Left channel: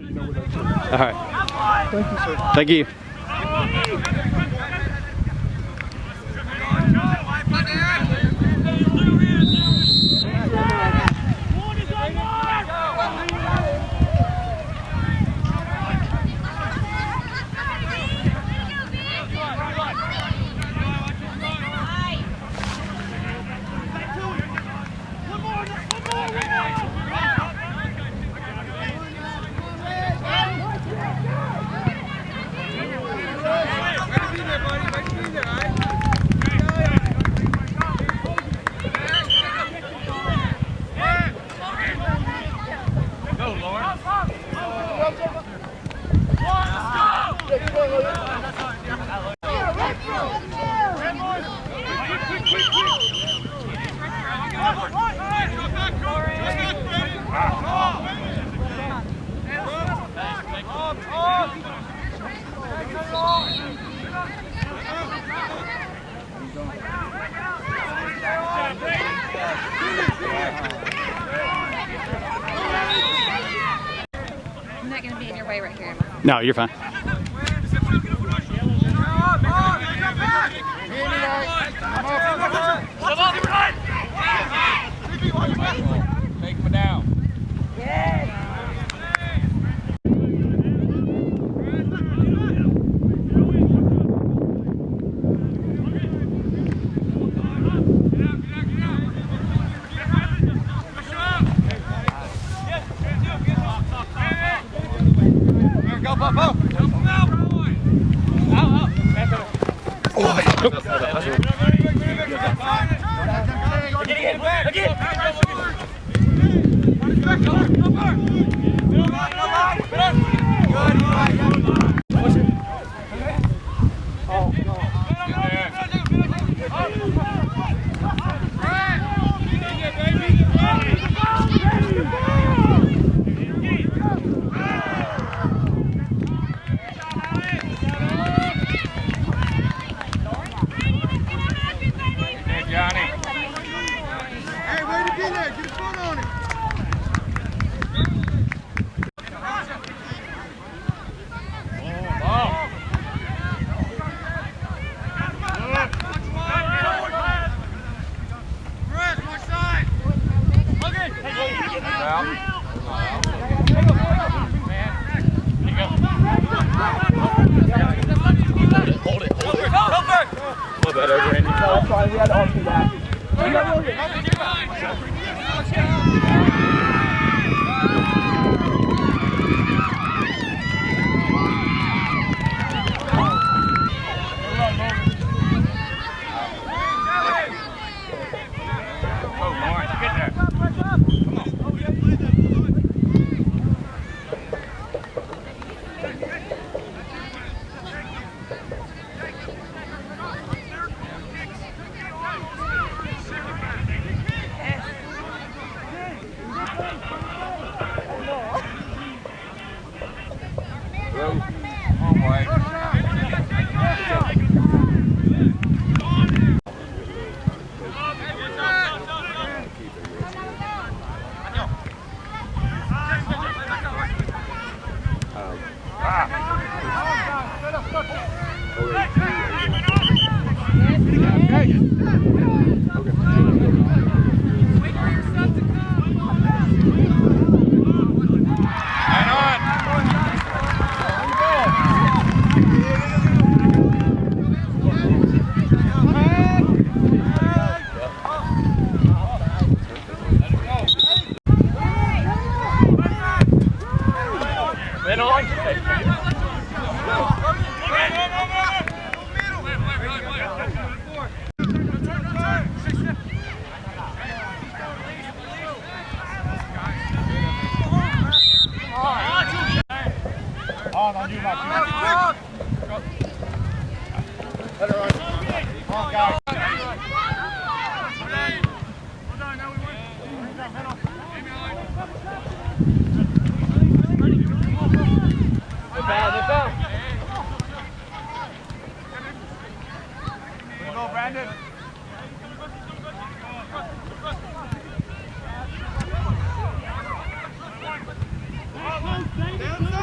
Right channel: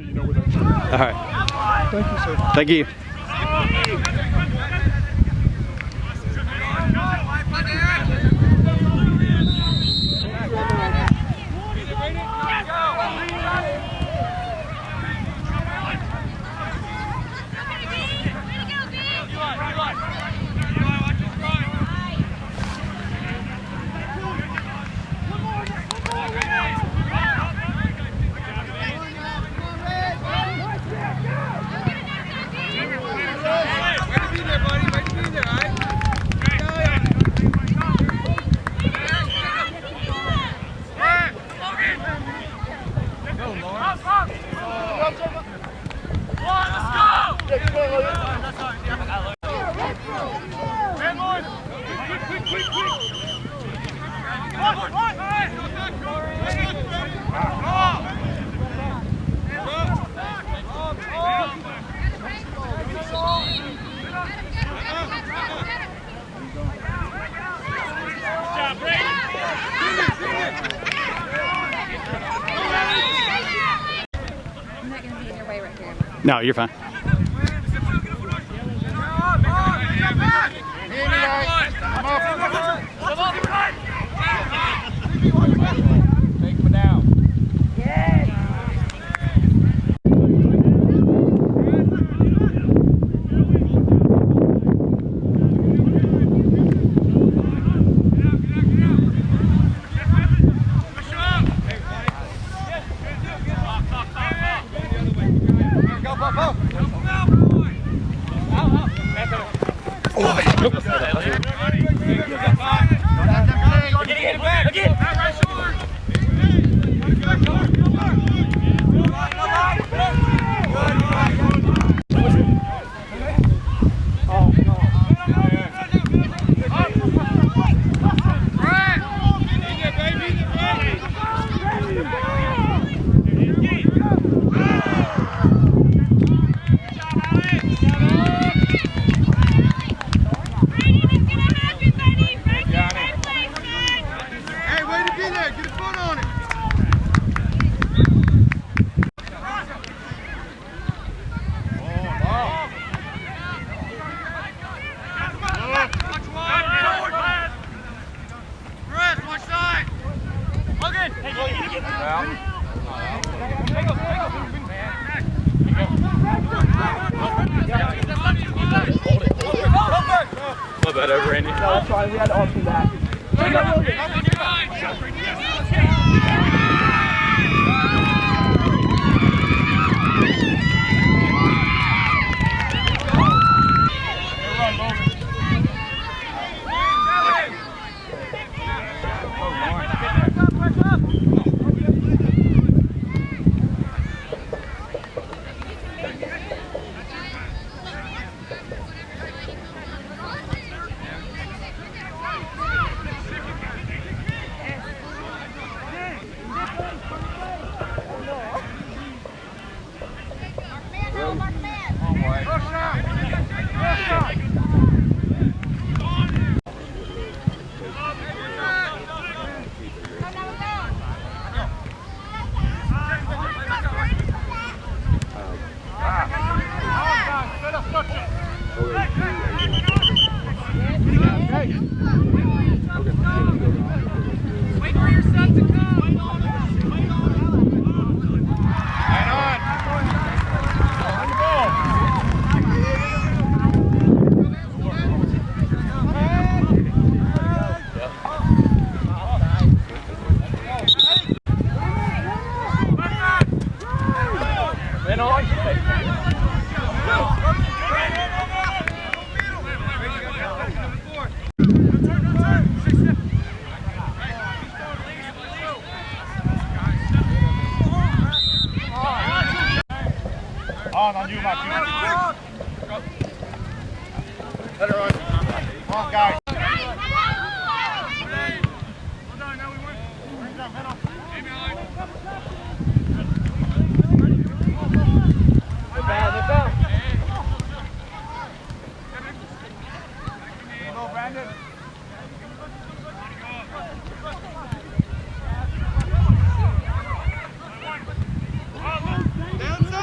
so you know where that's at. All right. Thank you, sir. Thank you. I'm not going to be in your way right here. No, you're fine. Take him down. Go, go, go. Hey, way to be there. Get a foot on it. Hold it. What about over, Andy? No, that's fine. We had to alter that. On you, Matthew. Let her on. Come on, guys. They're foul. Go, Brandon. Downside.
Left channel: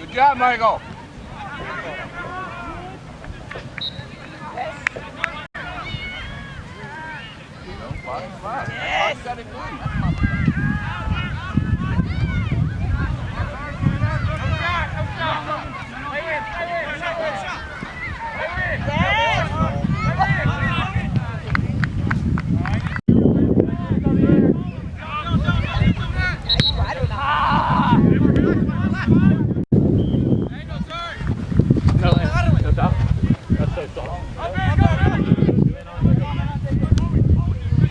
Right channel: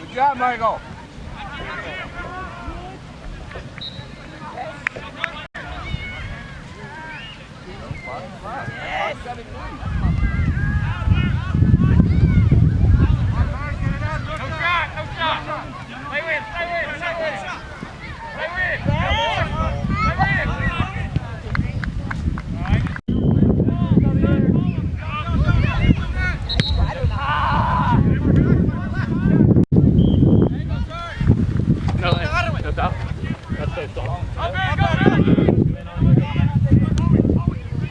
Good job, Michael. No, that's out. That's so soft.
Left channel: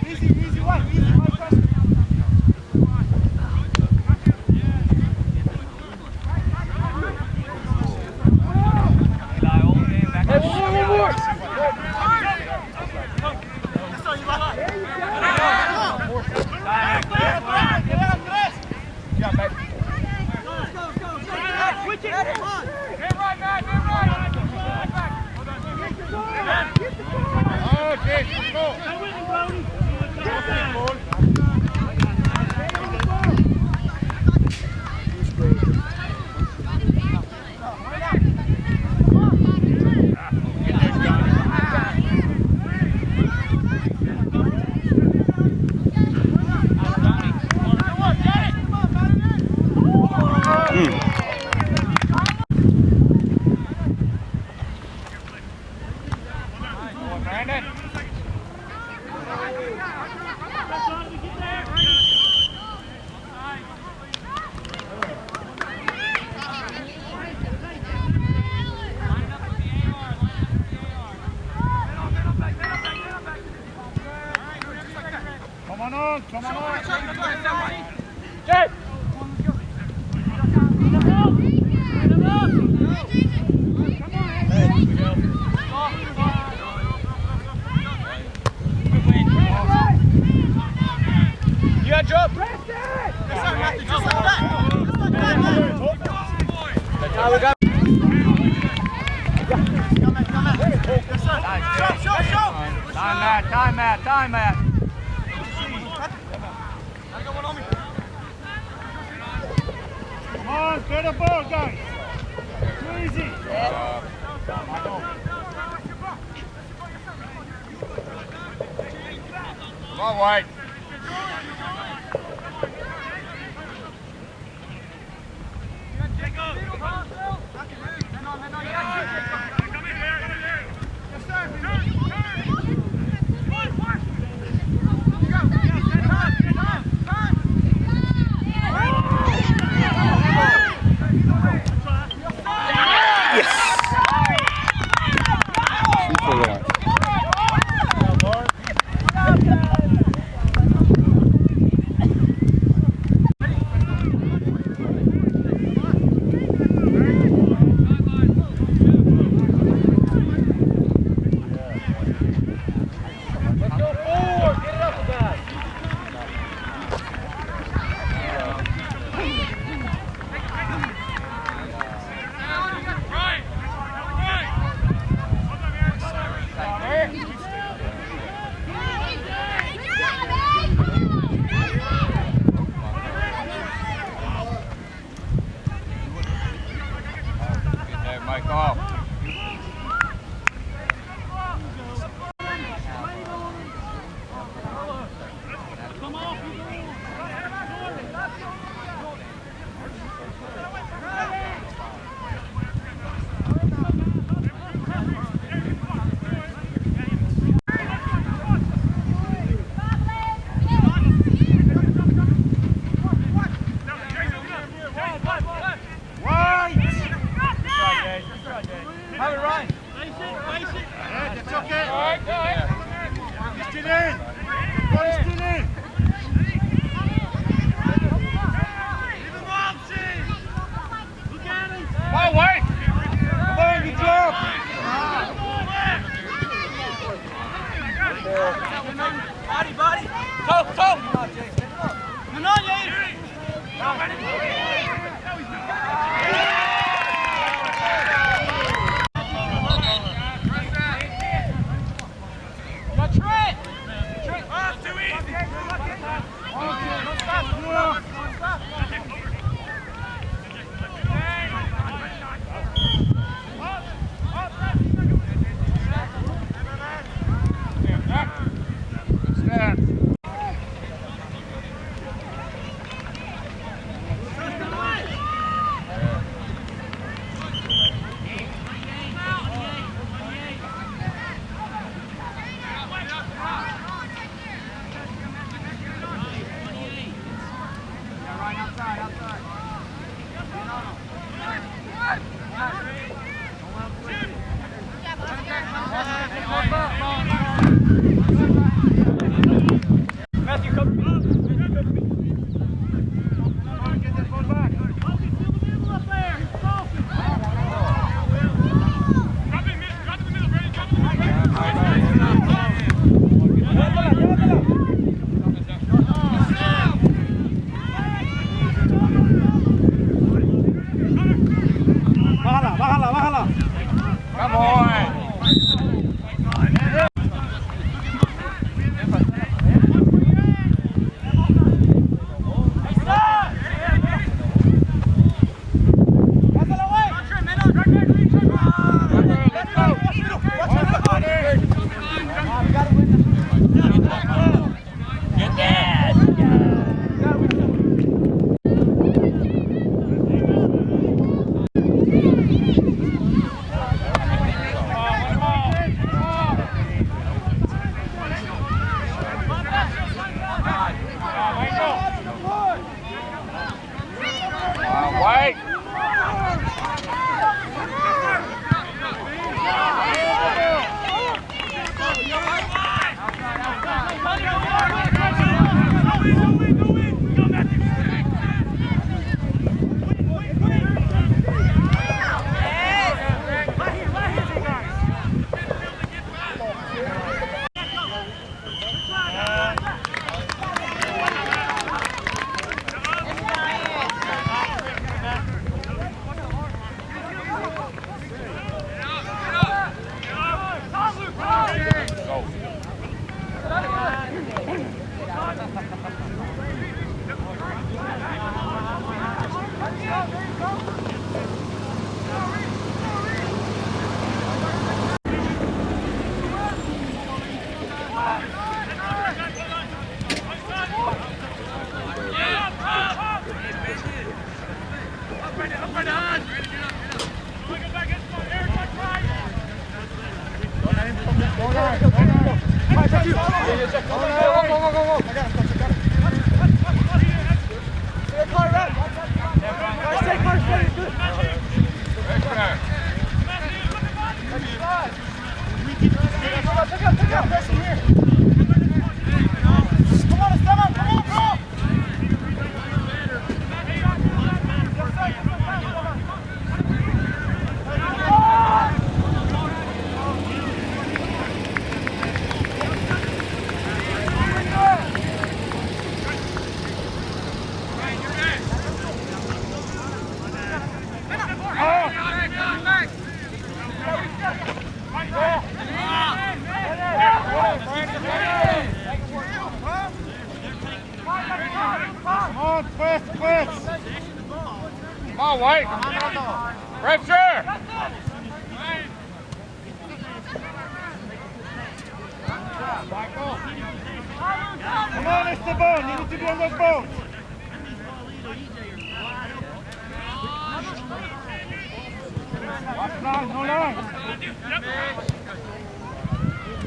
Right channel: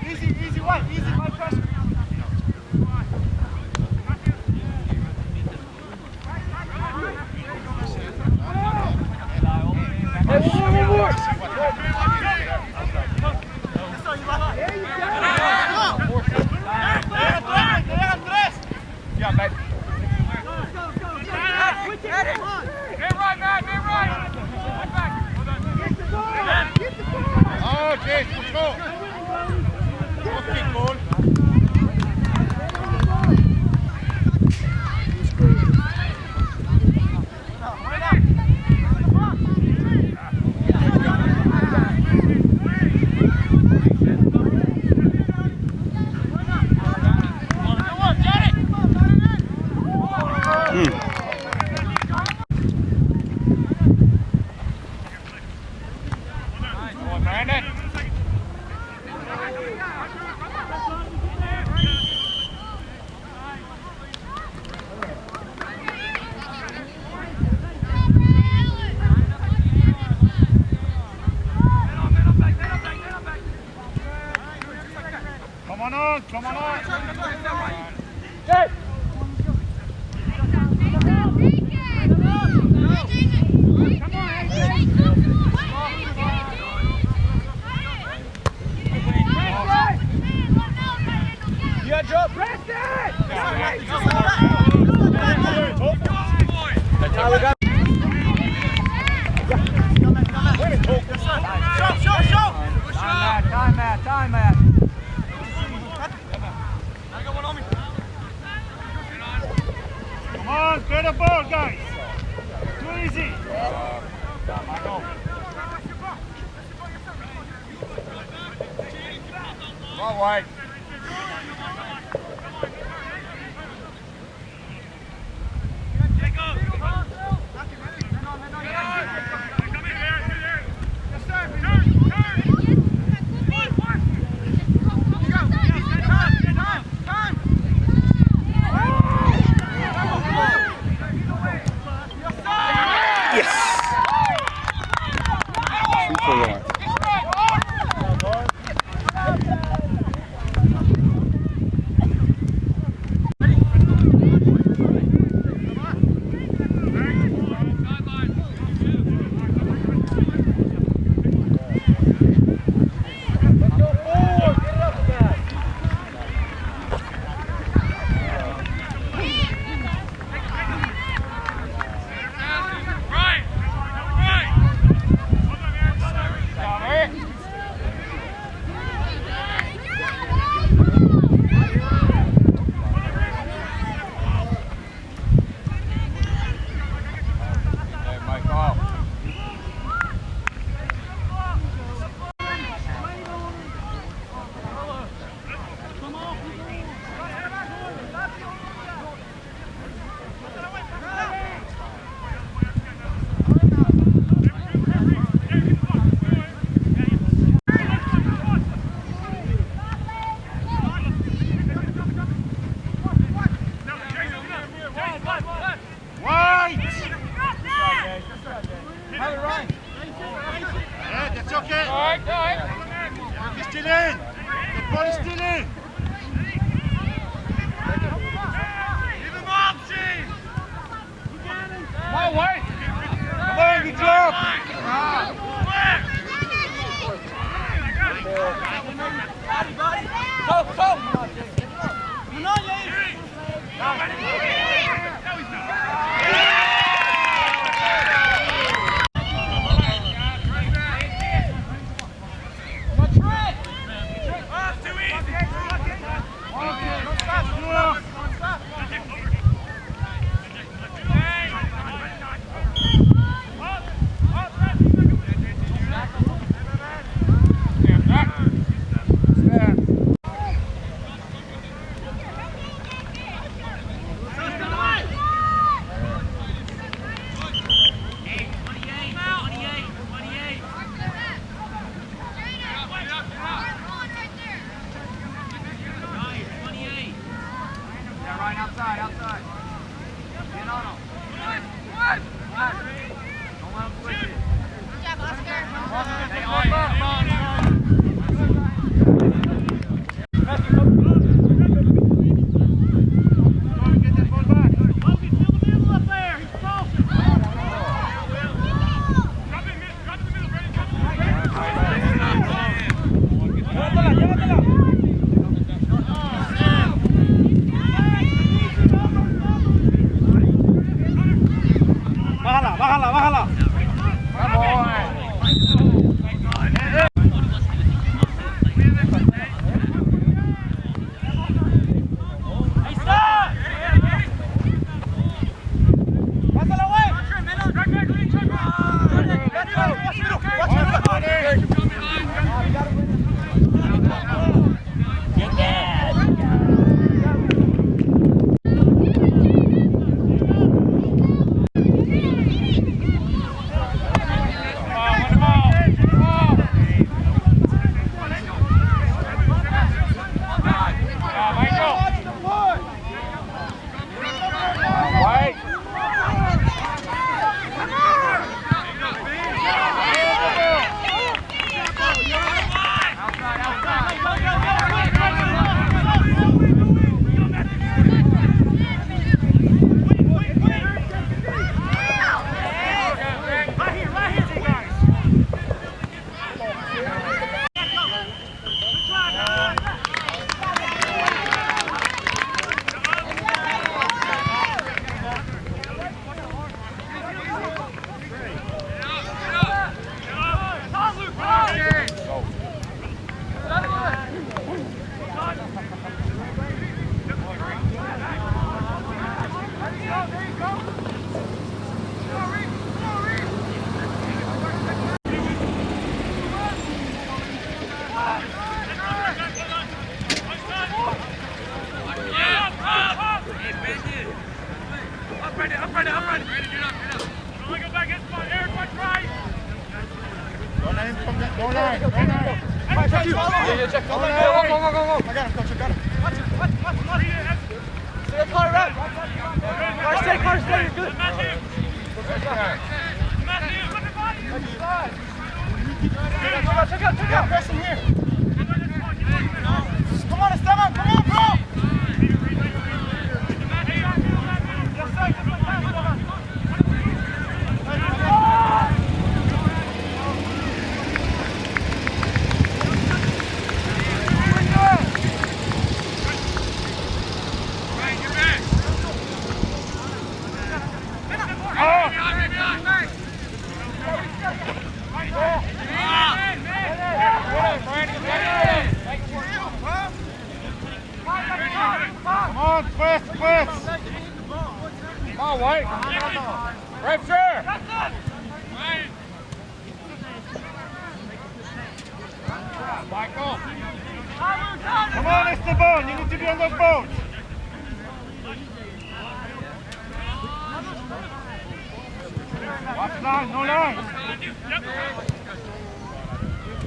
Easy one, pressure. One more. Yeah, baby. Okay, let's go. Okay, ball. Brandon. Come on. Hey! Yeah, jump! Press it! That's how we got. Show! Time, Matt. Come on, get the ball, guys. Too easy. All right. Bájala. Come on, White. Pressure. Come on, Esteban. You need to be on those boats. Watch line, no line.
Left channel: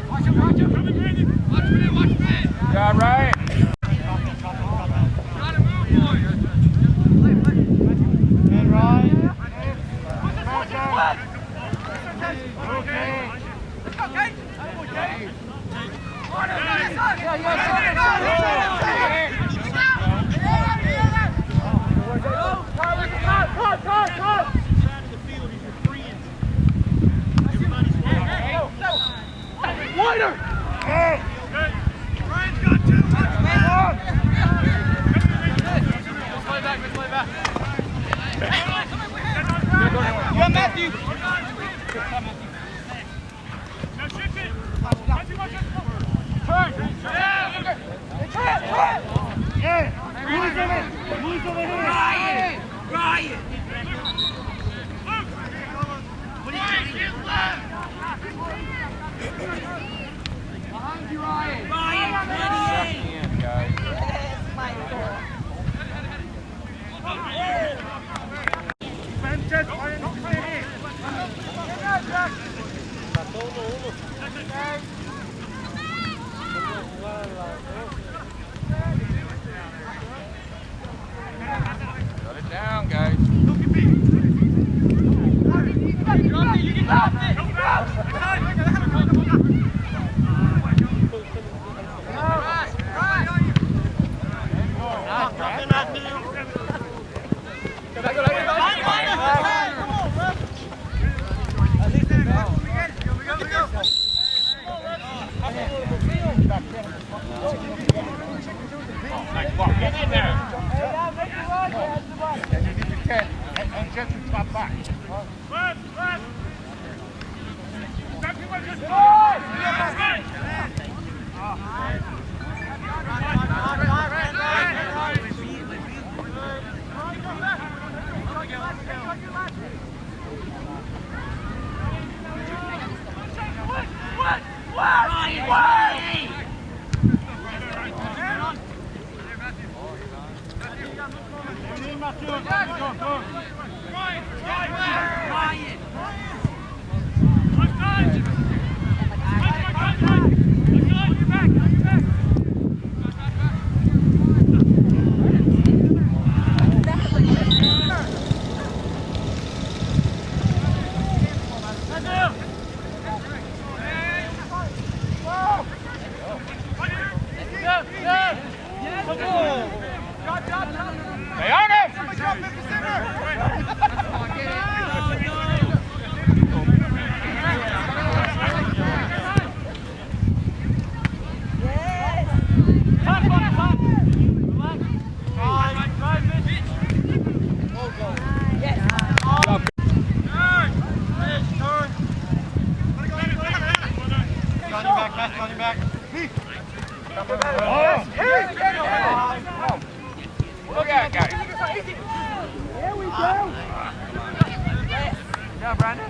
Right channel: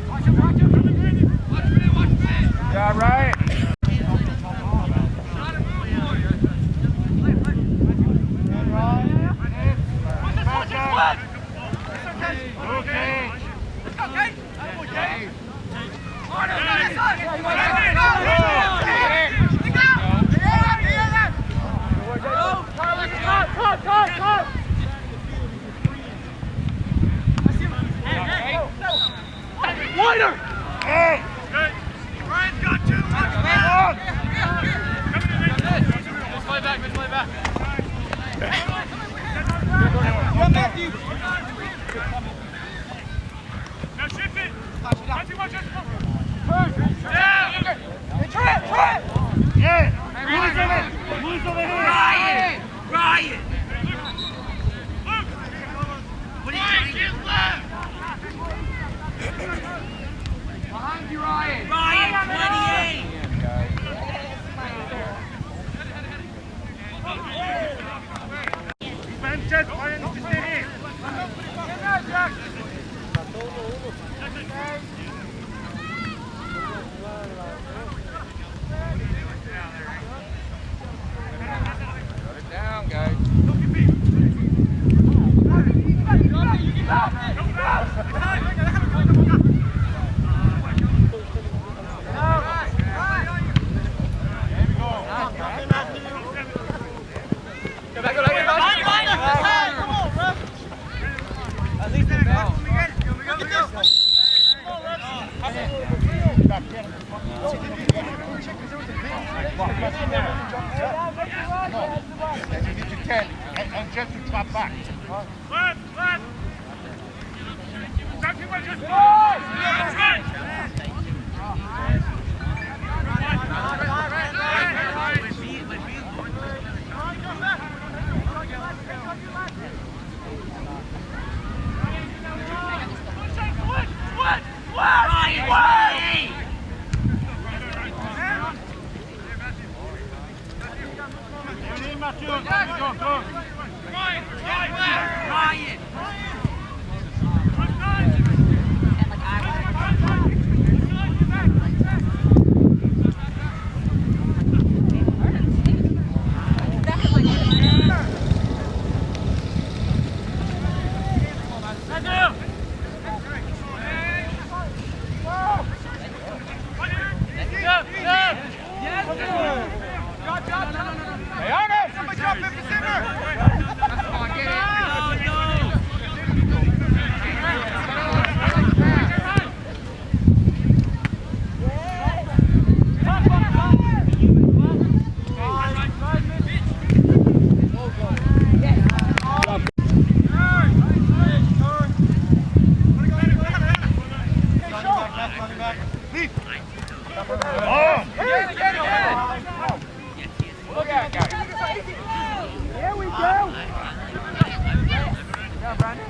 Watch him. Watch me. Yeah, right. Gotta move, boys. And right. Okay. Let's go, Kate. Okay. Wider! Hey! Ryan's got you! Come on! Let's play back. You and Matthew! Now shift it! Matthew, watch it! Turn! Yeah! Who's over here? Ryan! What are you doing? Behind you, Ryan! Ryan, 28! Sanchez, Ryan, stay here. Shut it down, guys. Get in there. And you need to 10 and just to drop back. Left! Stop too much, just Look at it, guys. Here we go. Yeah, Brandon.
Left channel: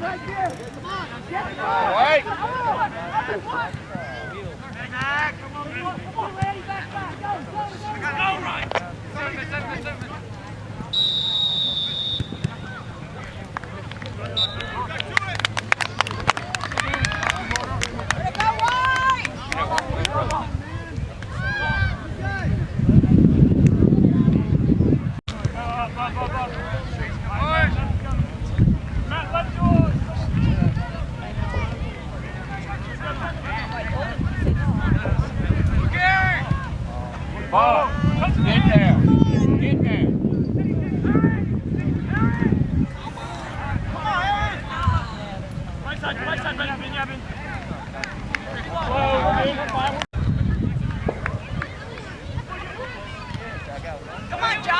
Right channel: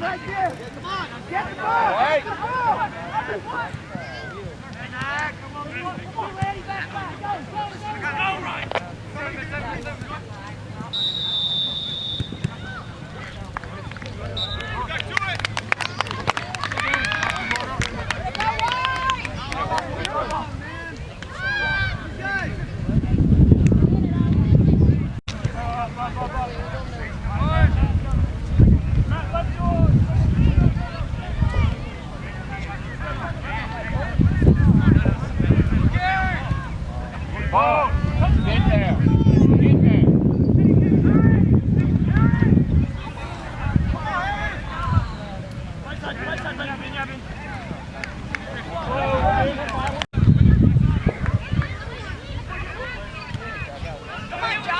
Right here. Come on. Get the ball. Right. Come on. Come on, Randy. Back. Go, Ryan. Ball. Get there. Get there. Right side, Benjamin. Come on, Jack.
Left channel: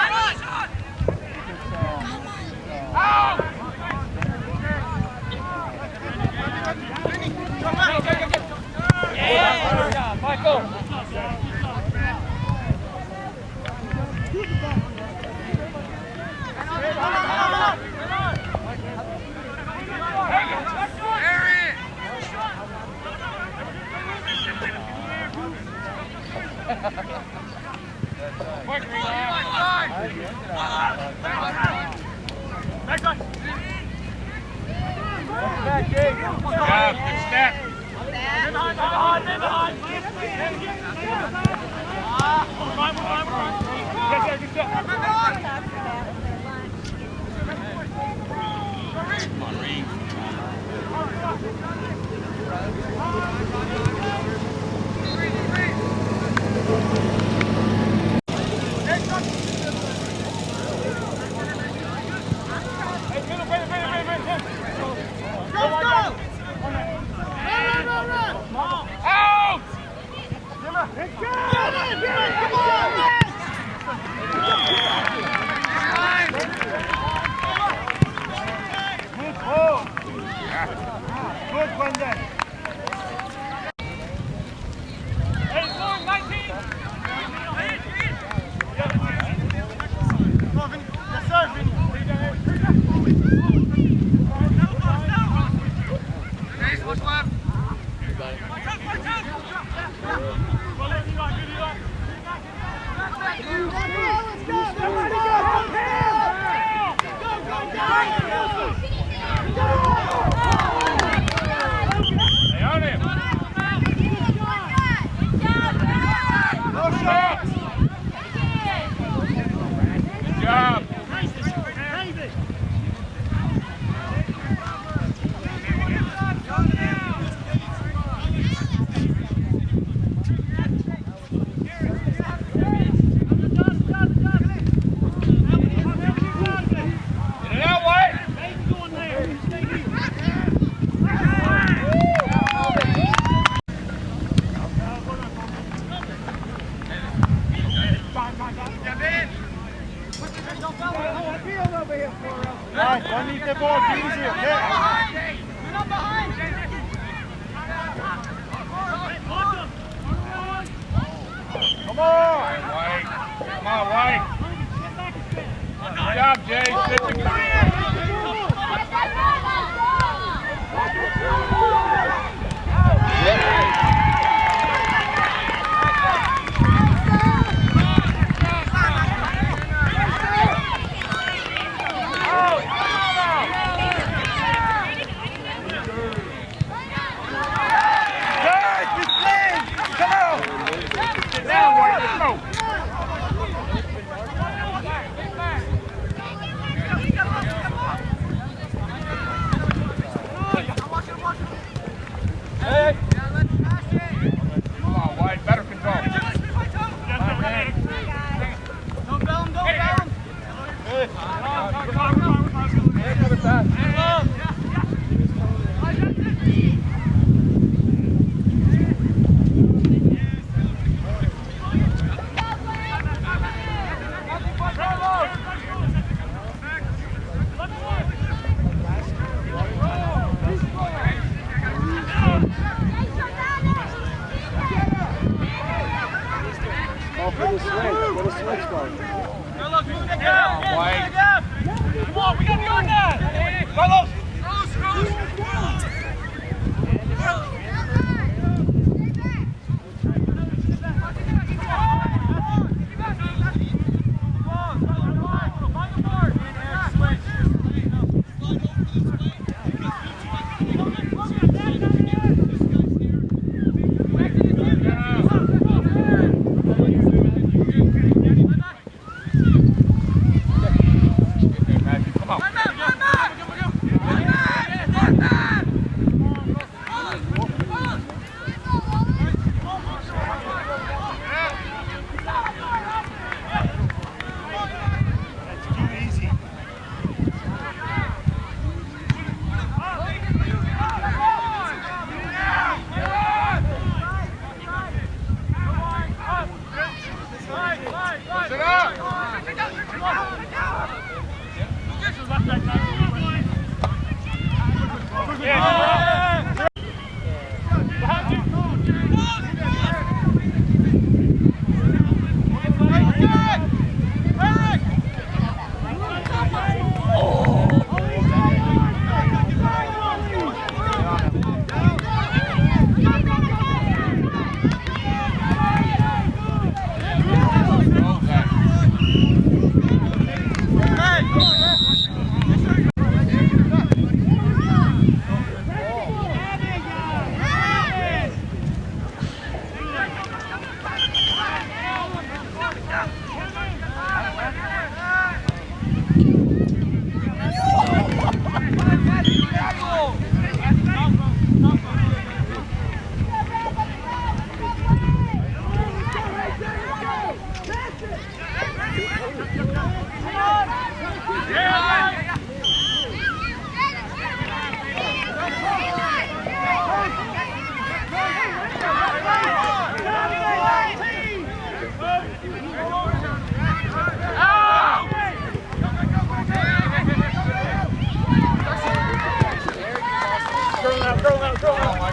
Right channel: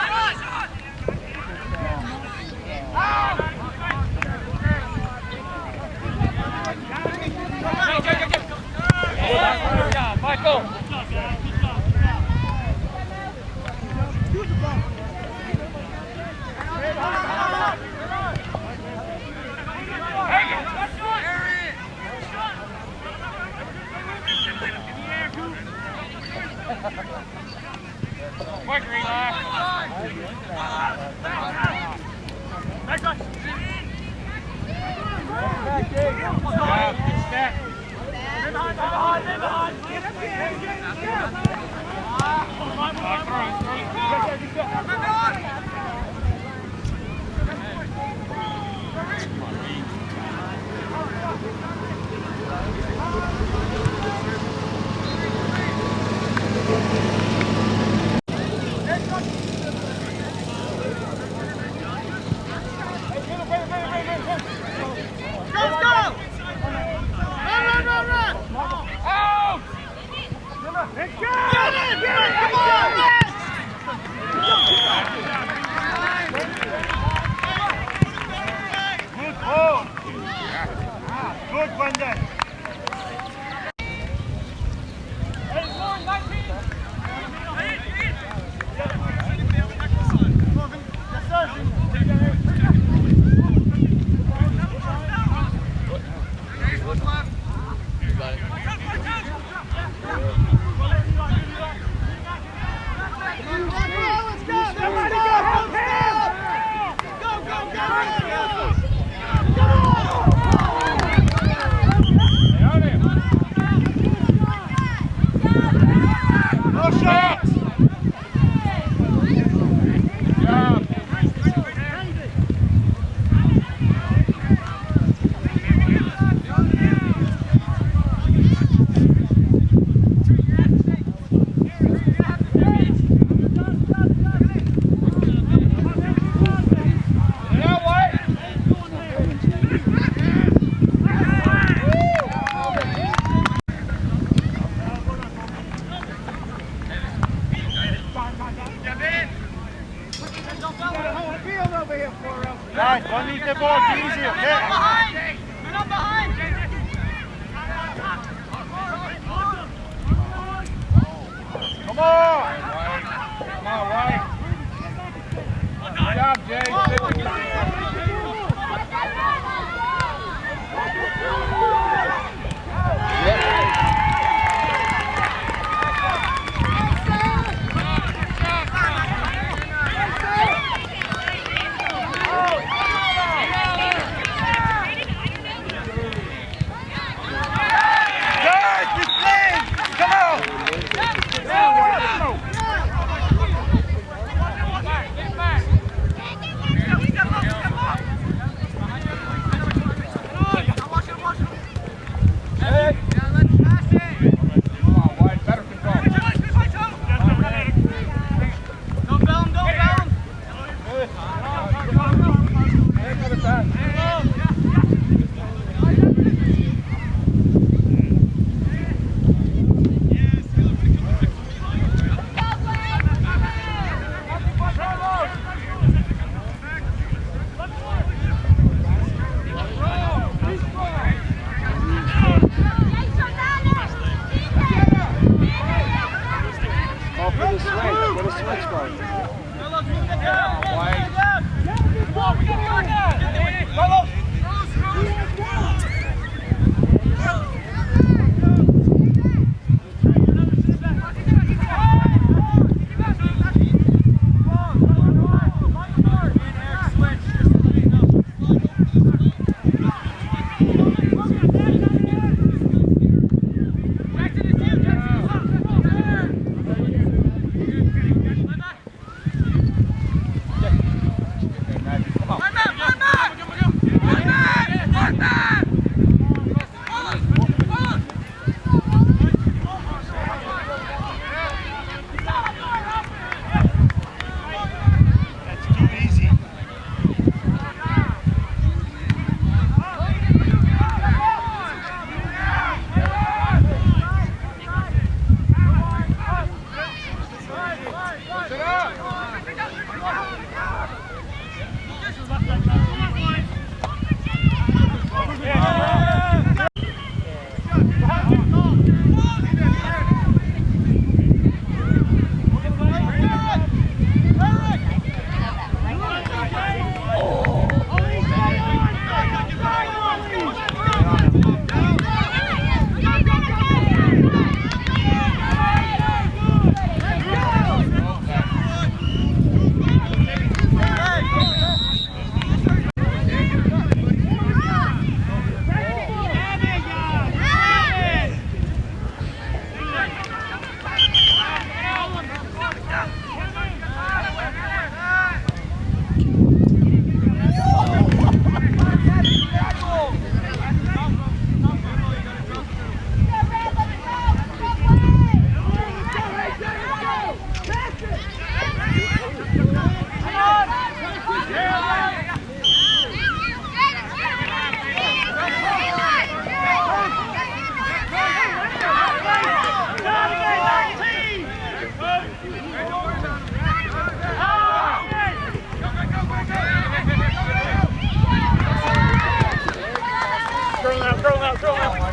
Throw him out.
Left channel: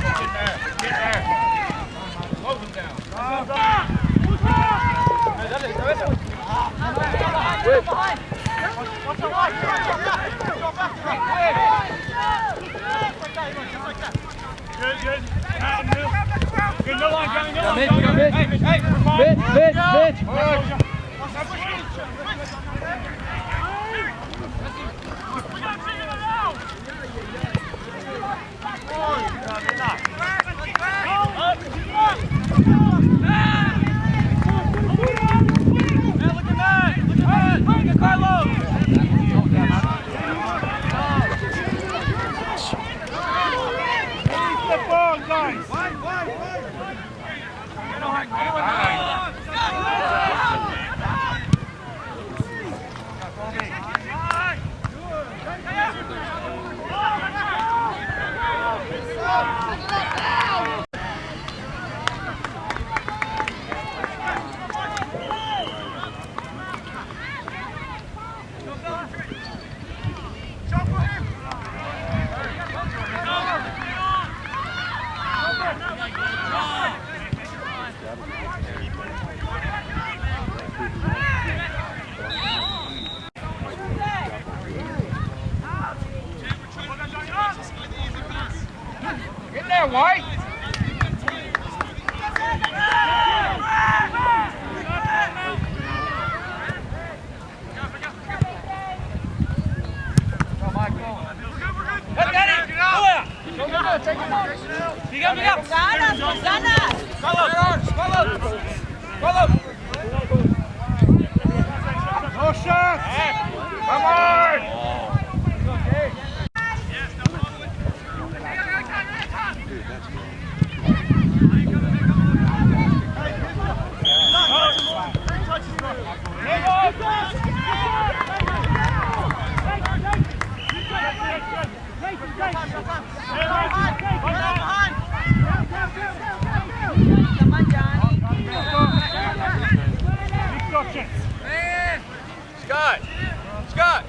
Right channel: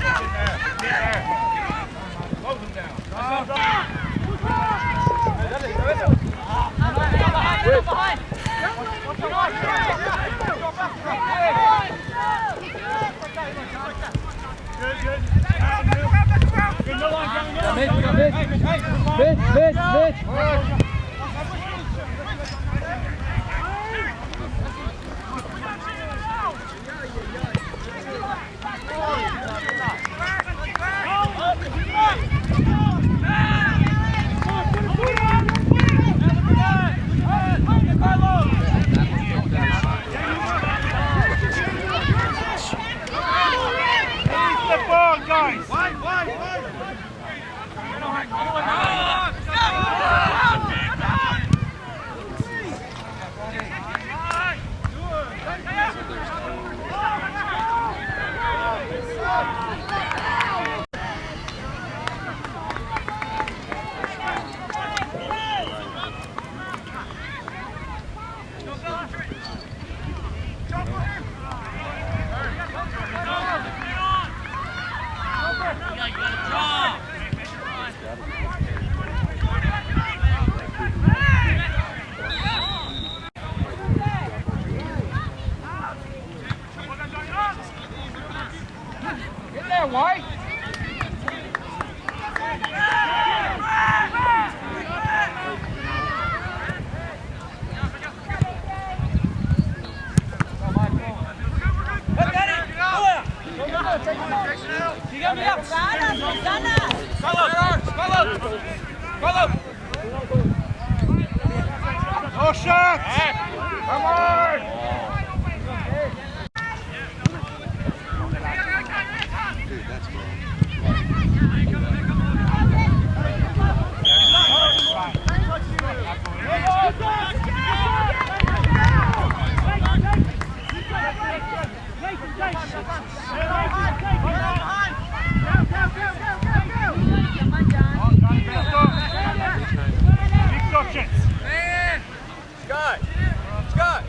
Get there. Close him down. Good. Good, no line coming down. Mitch. Get there, White. No shots! Come on! Scott!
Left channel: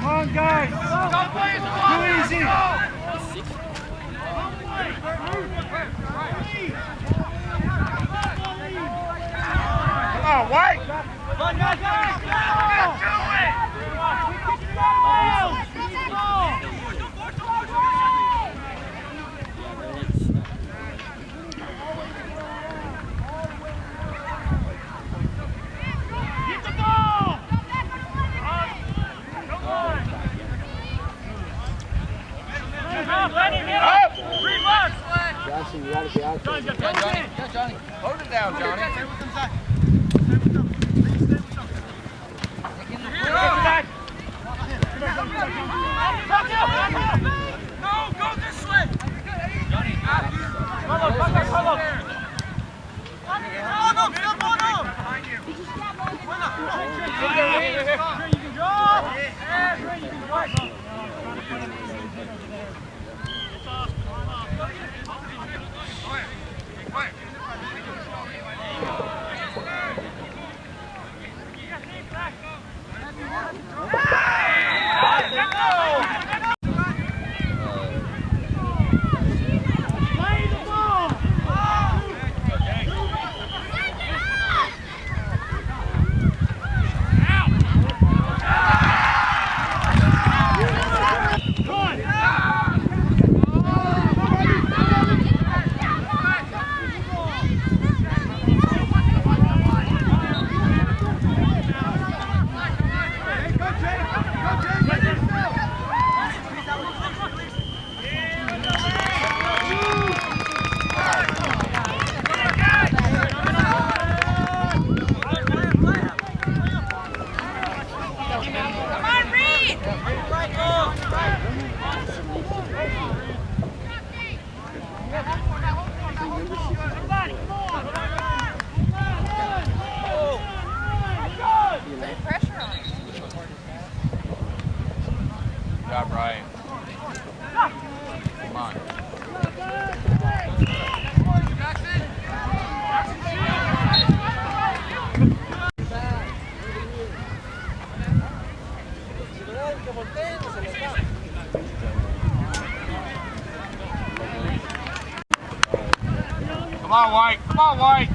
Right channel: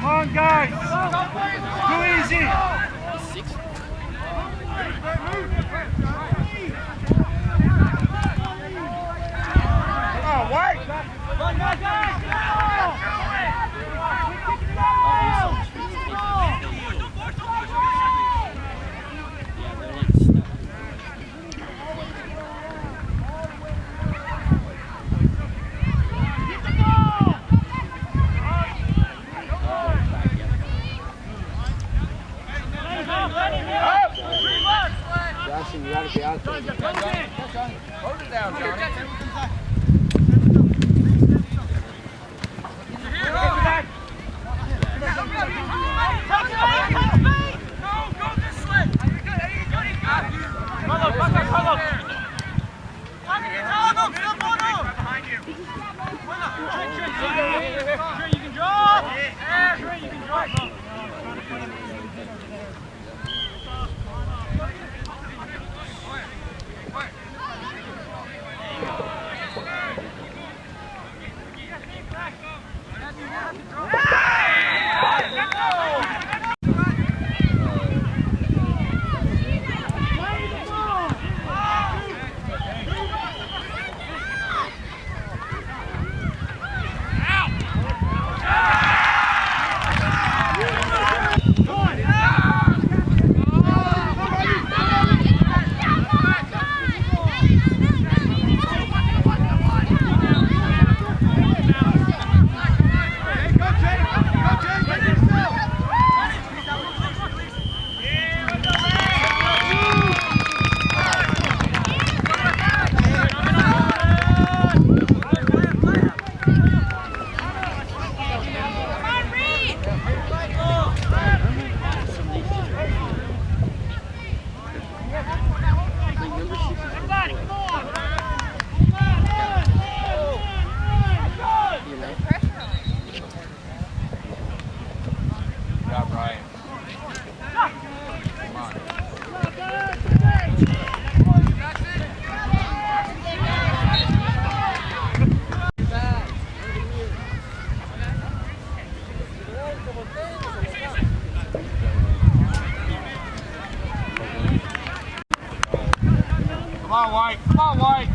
Come on, guys! Too easy! Come on, White! Johnson, you gotta be out there. Hold it down, Johnny. No, go this way. Carlos, Carlos. No, step on him. Behind you. Trey, you can draw. Trey, you can draw. Pressure on him. Good job, Brian. Come on. Come on, White. Come on, White.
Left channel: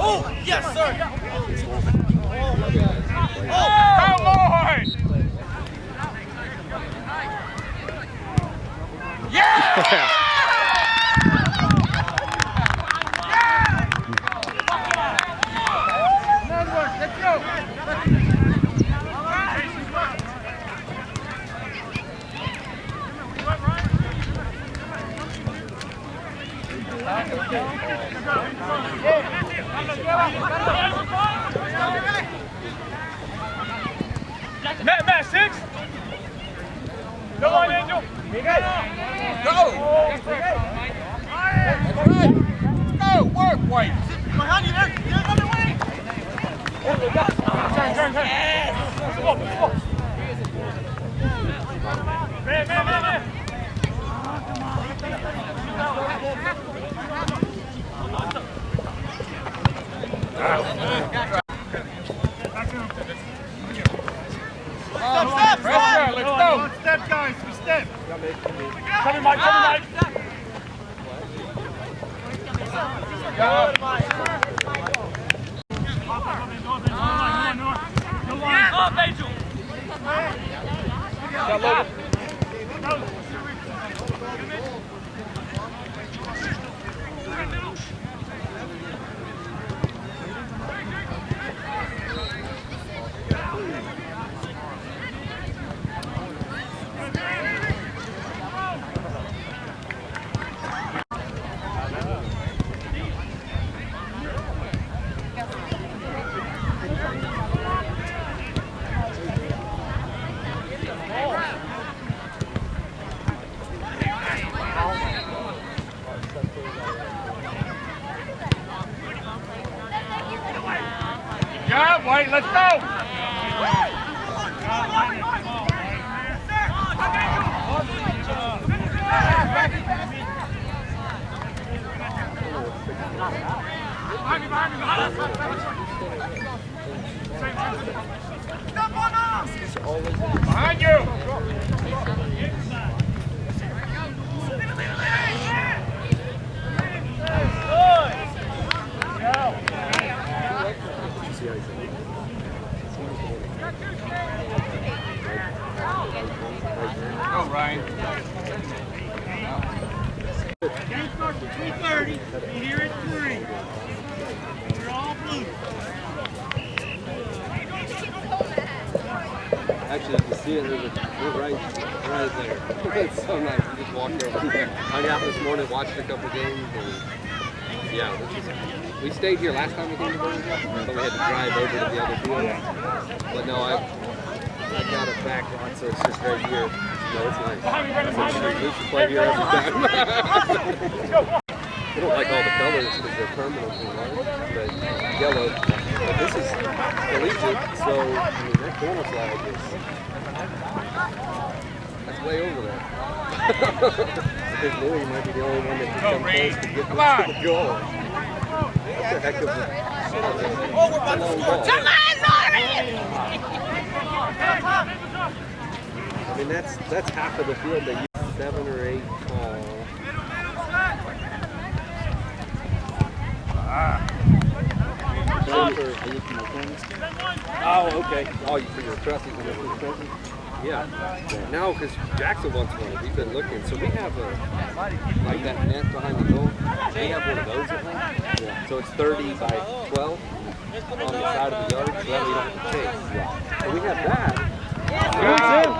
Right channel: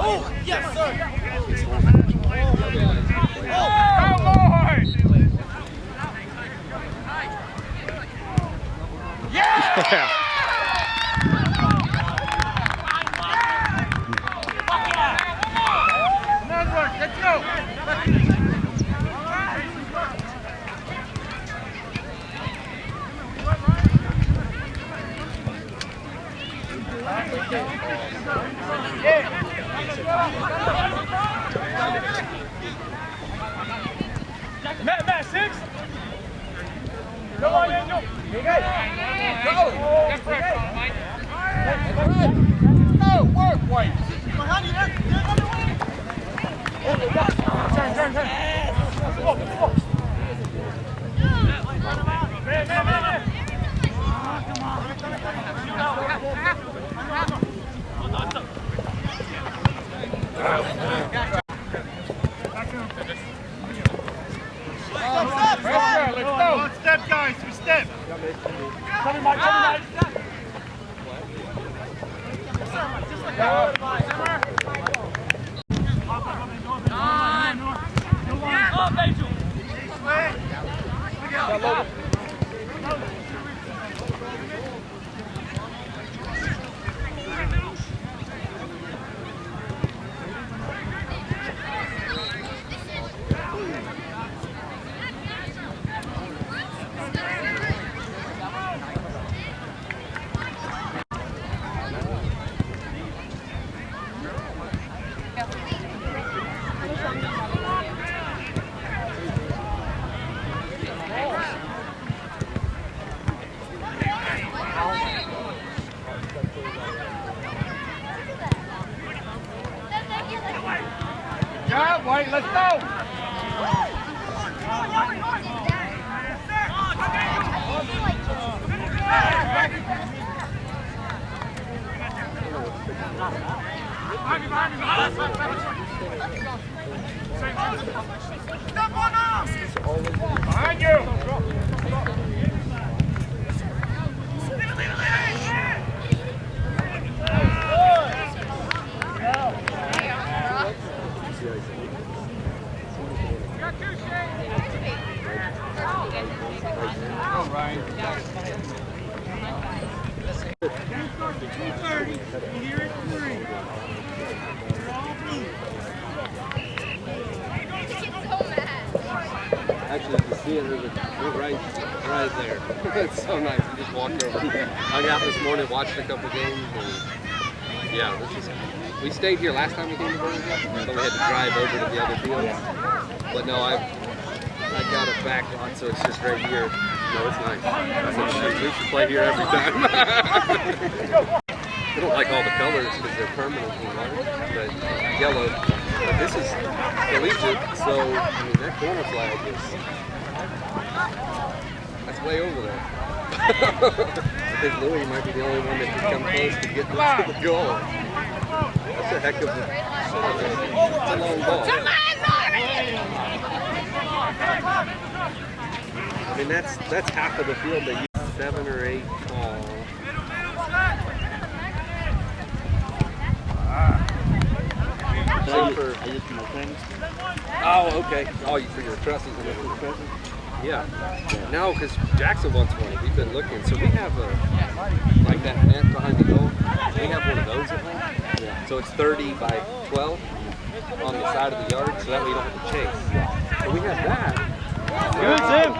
Oh, yes, sir. Come on! Yeah! Let's go! Matt, 6. Come on, Angel. Go. That's right. Go, work, White. Behind you there. The other way. Turn. Come on. Man. Pressure, let's go. One step, guys. We step. Coming, Mike. Up, Angel. Yeah, White, let's go! Step on us. Behind you! Go, Ryan. Game starts at 2:30. We're here at 3. We're all blue. Actually, you can see it. We're right there. It's so nice. We just walked over there. Hung out this morning, watched a couple games, and yeah, we stayed here last time we came to Birmingham, so we had to drive over to the other fields. But no, I got it back lot, so it's just right here. No, it's nice. We should play here every time. I don't like all the colors because they're permanent and white, but yellow. But this is collegiate, so I mean that corner flag that's way over there. I think Louis might be the only one that can come close to get to the goal. That's a heck of a long ball. I mean that's half of the field that you 7 or 8 tall. Oh, okay. Oh, for your trusses and your trusses. Yeah. No, because Jackson wants one. We've been looking. So we have like that net behind the goal. We have one of those at home. Yeah. So it's 30 by 12 on the side of the yard, so that way you don't have to chase. Yeah. So we have that. Good, Tim.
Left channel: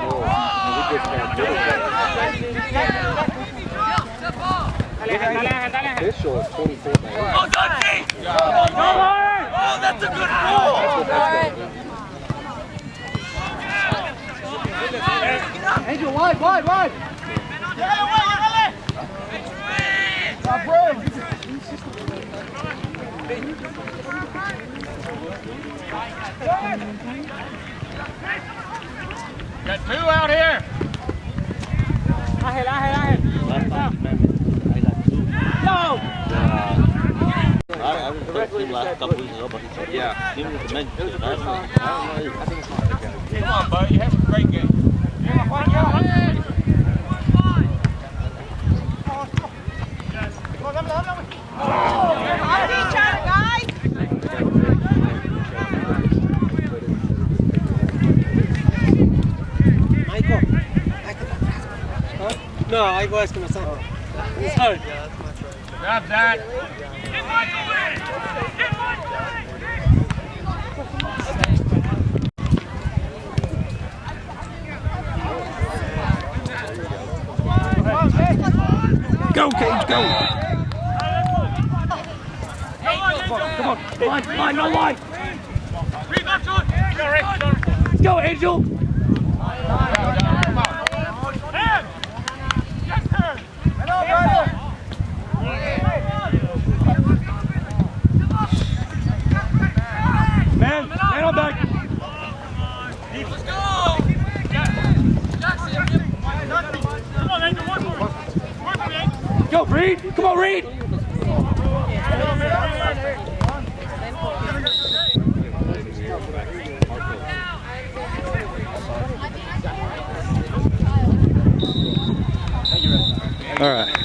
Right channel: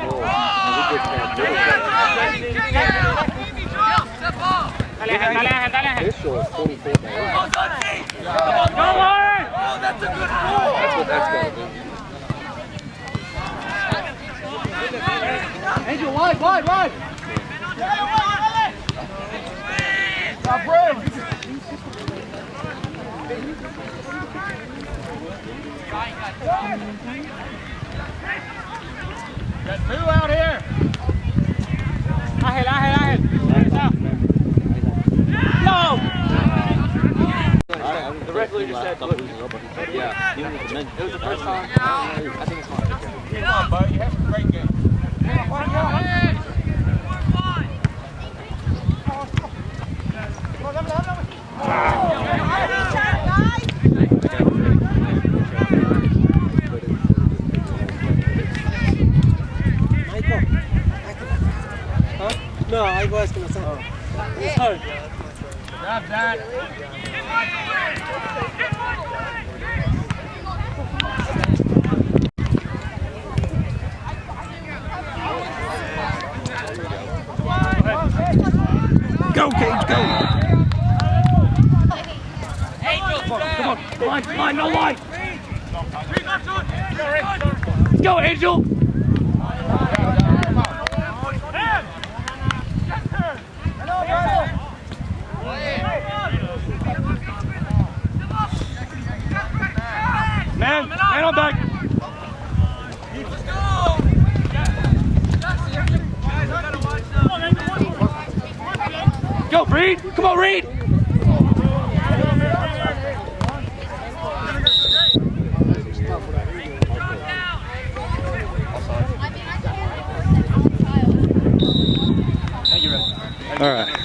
And we just have official is 24 by 8. Oh, that's a good That's ball! what that's going to do. Angel, wide, wide, wide. Stop room. Got two out here. No! The referee last couple weeks ago, but he said, Yeah. he was mentioned. It was the first time. I think it's not the game. Come on, bud. You have a great game. No, I was going to say. Job done. Go, Cage, go! Come on, no line! Go, Angel! Man on back! Let's go! Go, Reed! Come on, Reed! All right.